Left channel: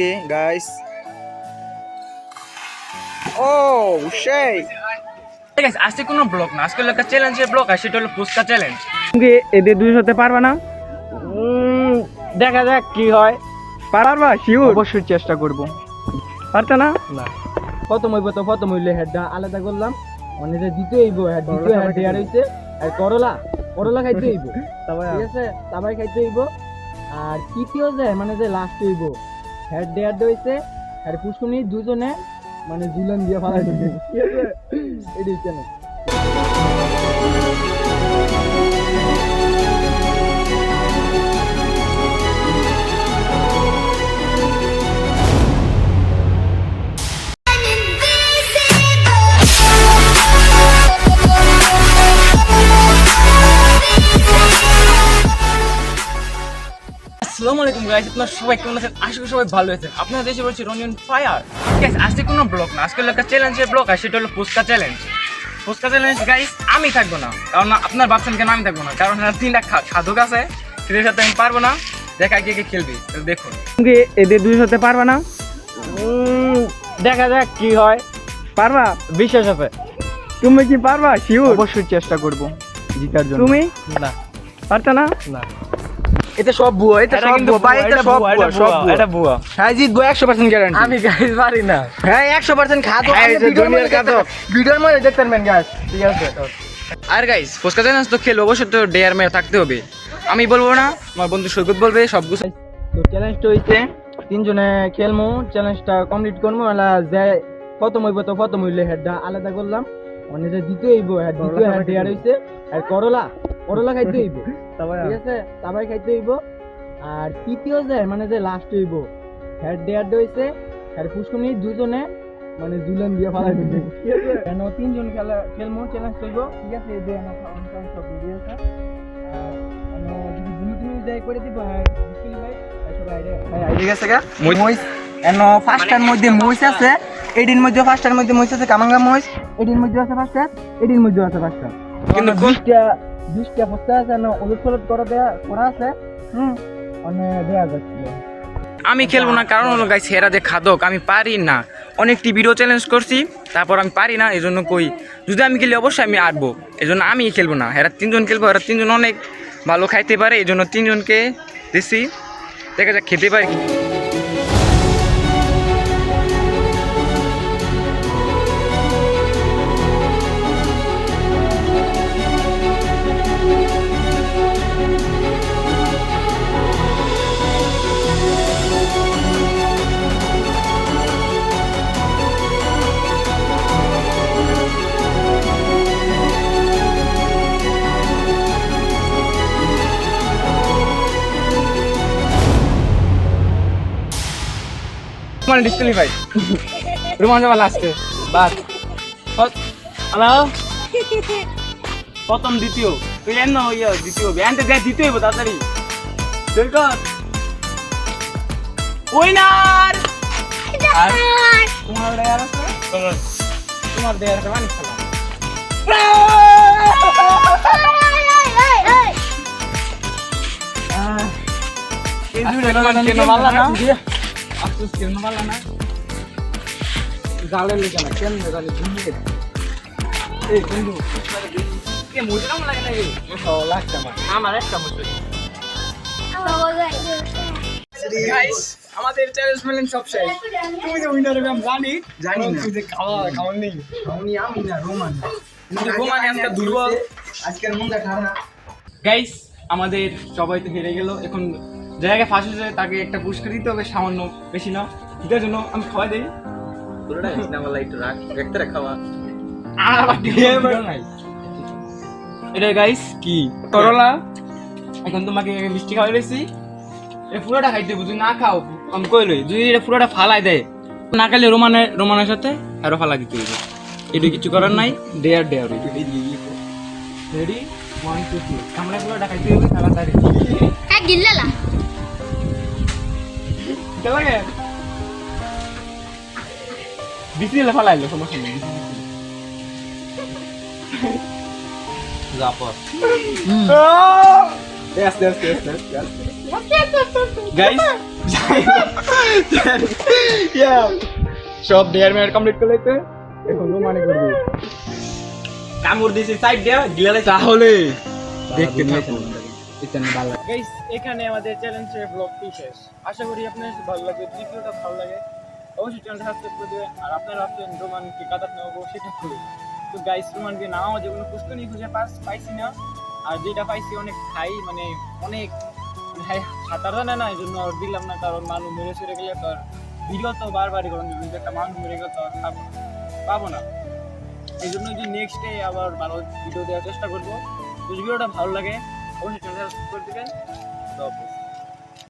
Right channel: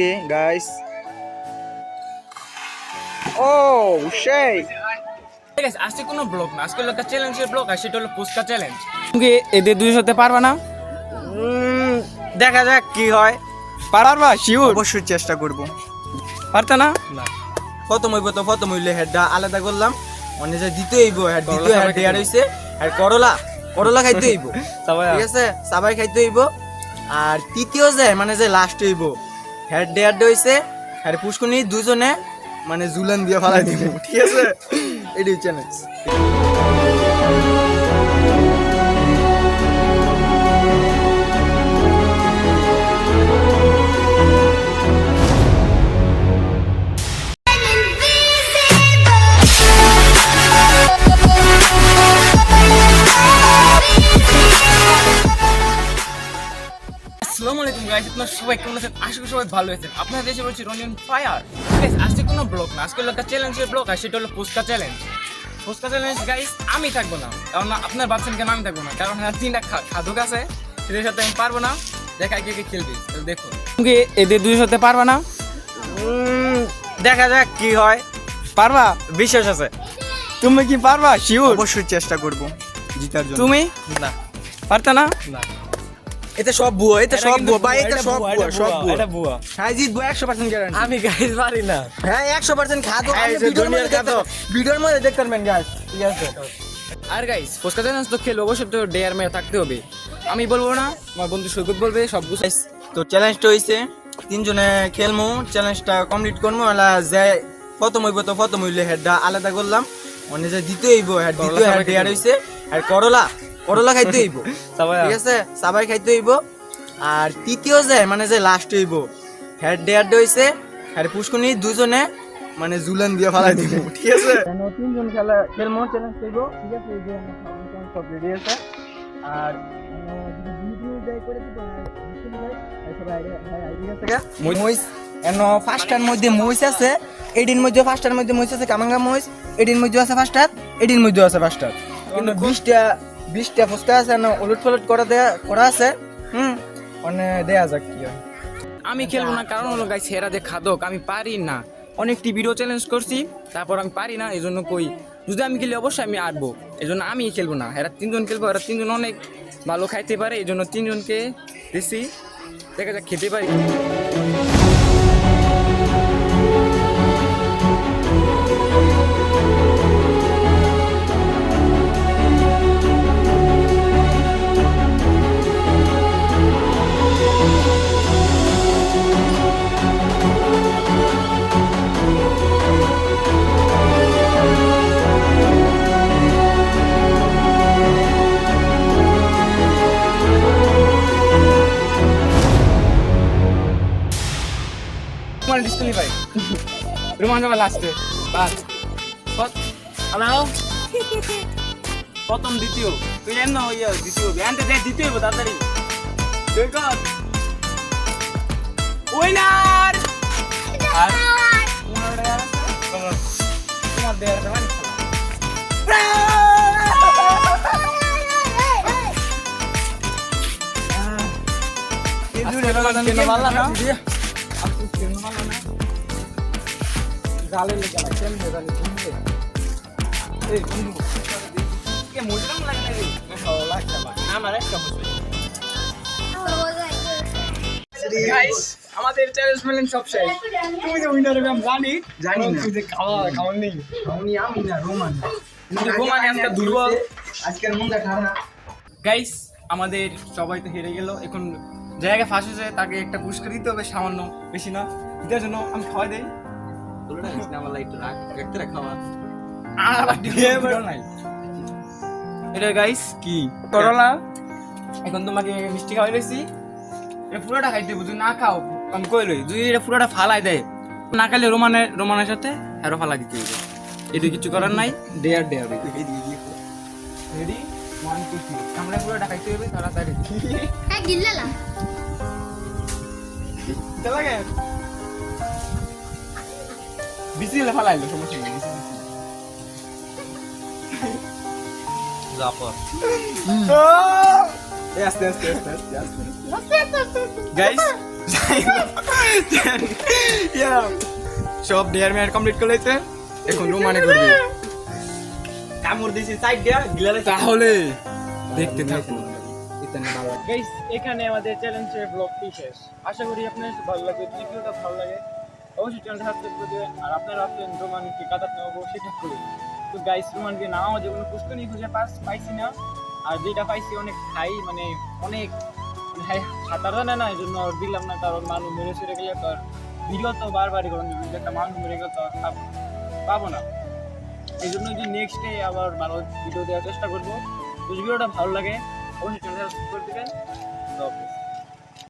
Guys. Oh, shit. Guys আজকে কোনো blog না, আজকে একটা চ্যালেঞ্জের ব্লগ আর সেটা হলো ফুচকা চ্যালেঞ্জ। তুমি এদের দুই সাথে পারবে না? দেখা যাক কি হয়। পারবা শিওর? অবশ্যই চেষ্টা করব। পারতে না? না। প্রথম হইলে হেডটা আলাদা করলাম। মানে যে দ্বিতীয় হেড দেয়ার হইছে আর করলা খাইতে হইব। ঠিক আছে? সবাই খাইতে হইব। আর তৃতীয় যে মানে যে লাস্ট হইব হেড দেয়ার হইছে আর পুষ্কুনি দুজনে মানে জুলান দিয়ে ফালাই দিব। ঠিক আছে? এটাই চ্যালেঞ্জ। আসসালামু আলাইকুম গাইস, আপনারা সবাই কেমন আছেন? আশা করি সবাই ভালো আছেন। আপনারা দেশে বলছি রনিয়ন ফায়ার। গাইস আজকে কোনো ব্লগ না, আজকে একটা চ্যালেঞ্জের ব্লগ আর সেটা হলো phuchka challenge. Phuchka challenge guys আমি থাকবো না, কারণ আপনার ভাবছেন কেন আমি থাকবো না, কারণ তিনটা খাদক আছে, সেটার সাথে আমি পারবো না। দেখা কে খেলবে দেখুন। তুমি এদের দুই সাথে পারবে না? দেখা যাক কি হয়। পারবা? বিশ্বাস আছে। তুমি কি পারবা শিওর? অবশ্যই চেষ্টা করব জিতার জন্য। তুমি না পারতে না? না, এটা সব ভুয়া, এটা সব ভুয়া ভাই, এটা সব ভুয়া, সব ভুয়া। এটা ভুয়া। হ্যাঁ জিতবো 100% গ্যারান্টি। আমি গাইস পারি না। হ্যাঁ 100% খাদক। হ্যাঁ, আমি এই যে দুনিয়ার খাদক। ভিডিওর মধ্যে দেখতে পারবেন গাইস। ঠিক আছে? আর গাইস ফুচকা চ্যালেঞ্জ তো খেলবো, অবশ্যই তো ডেয়ার মেয়ে থাকতে হবে। আমি বলবো না, আমার বন্ধু সৈকত বলবে সব কিছু। তো চ্যালেঞ্জটা হইছে তিনজনে খেলমু, চ্যালেঞ্জটা কমপ্লিট করমু। এলা যে প্রথম হইলে হেডটা আলাদা করলাম। মানে যে দ্বিতীয় হেড দেয়ার হইছে আর করলা খাইতে হইব। ঠিক আছে? সবাই খাইতে হইব। আর তৃতীয় যে মানে যে লাস্ট হইব হেড দেয়ার হইছে আর পুষ্কুনি দুজনে মানে জুলান দিয়ে ফালাই দিব। ঠিক আছে? তিনজন খেলমু, চ্যালেঞ্জ হইব। ঠিক আছে? এই যে সব রেডি আছে। আর যদি তুমি যাই করে দিব। হ্যাঁ ঠিক আছে গা মইস এনো ফার্স্টার মধ্যে মইস আছে, এডির মধ্যে ফার্স্টার মধ্যে মইস আছে, কামাঙ্গা মইস এডির মধ্যে আছে ফার্স্টার, এডির মধ্যে আছে ফার্স্টার। কিন্তু 20টা ফুচকা আছে না, উলটপালট করা আছে। মানে দেয়া যাক কি হয়। আমি খেলবো না, কারণ হলো গাইস হেরা যে খাদক আমি পারি না। অনেকটি ভিডিও চ্যালেঞ্জ করছি, তারপর আমি পারি না, এই জন্য কই যদি আমি খেলি অবশ্যই আমি আরবো। এই জন্য আমি খেলবো না, এরা তিনজন খেলবো। এরা তিনজন অনেক ভালো খাইতে পারে, এই জন্য তিনজনকে দিছি। দেখা যাক খেতে পারি। মানে ডিসকুয়ালিফাই রোমান যাওয়া লাস্টে বাস। হ্যালো প্রথম দ্বিতীয় তুই এন দ্বিতীয় ব্যান্ডে দেখ দ্বিতীয় হইব তাড়াতাড়ি। উইনার আর তোমার দেয়ার আছে, তোমার দেয়ার আছে মানে কেন ভালো না গালে লেগে না কেন গালে ঘুমিয়ে এই বন্ধু কে মুজরাম লাগে না। এই লাগছে না আমার একটা মুজরা। গাইস আমাদের চ্যালেঞ্জ মেলেন সব শেষ। তুমি যে উইনার হবে আমি জানি না। তুই যে খাওয়া নেই আমি না রোমান আজকে দুর্বল, আজকের মনটা খারাপ। গাইস আমাদের সবাই তো হেরে গেল। এখন জায়গায় ফাঁস হয়েছে, তাকে একটা পুরস্কার দিতে হবে, সামান্য, বেশি না। এটার জন্য আমি খাওয়াই দেই। এটা গাইস কি করলা, এখন তোমাকে মিষ্টি খাওয়াই দিয়েছি। এটা পুরোটা খাইতে হবে, যদি না খাও আমি কইলই, যদি এটা পুরোটা ফালাই দেয় না খাইলে রোমানের সাথে হেরো ফালাই দিতে হবে। এটা কিছু করার নাই। ডেয়ার রেডি 1 2 3 আমরা পুরোটা খাইতে হবে তাড়াতাড়ি। গিল্লালা লাগে বিসি হলে ফালাইলো, সমস্যা নেই। জাপা Yes. গাইস সব ডেয়ার মেয়ার কমপ্লিট করে লাইছে এখন রোমানে করবে কামড় দিয়েছি সাইড দিয়া গিলা তাহলে দেখতে থাকুন গাইস এখানে আমাদের চ্যালেঞ্জের ব্লগটি শেষ আশা করি আপনাদের ভালো লাগে যদি ভিডিওটা ভালো লাগে অবশ্যই চ্যানেলটা সাবস্ক্রাইব করে দেবেন আর আপনারা ভাবছেন রোমানকে কাটাতে নেবো সেটা করুন তো গাইস রোমানকে নামাও যেগুলো পুষ্করণী খুঁজে পাইছি না আর যেটা পাইছি অনেক হাই মানে অনেক হাই সাঁতার জানে না এই জন্য আর দিলাম না কারণ মানুষ মেরে চলে গেলে তো আর ভিডিও তো বারবারই করেন যদি একটা মানুষ মেরে গেলে তো আর পাবো না এই জন্য যে নেক্সট ডে আবার ভালো ভিডিও দেওয়ার চেষ্টা করবো যদি ভিডিওটা ভালো লাগে অবশ্যই চ্যানেলটা সাবস্ক্রাইব করে দেবেন তো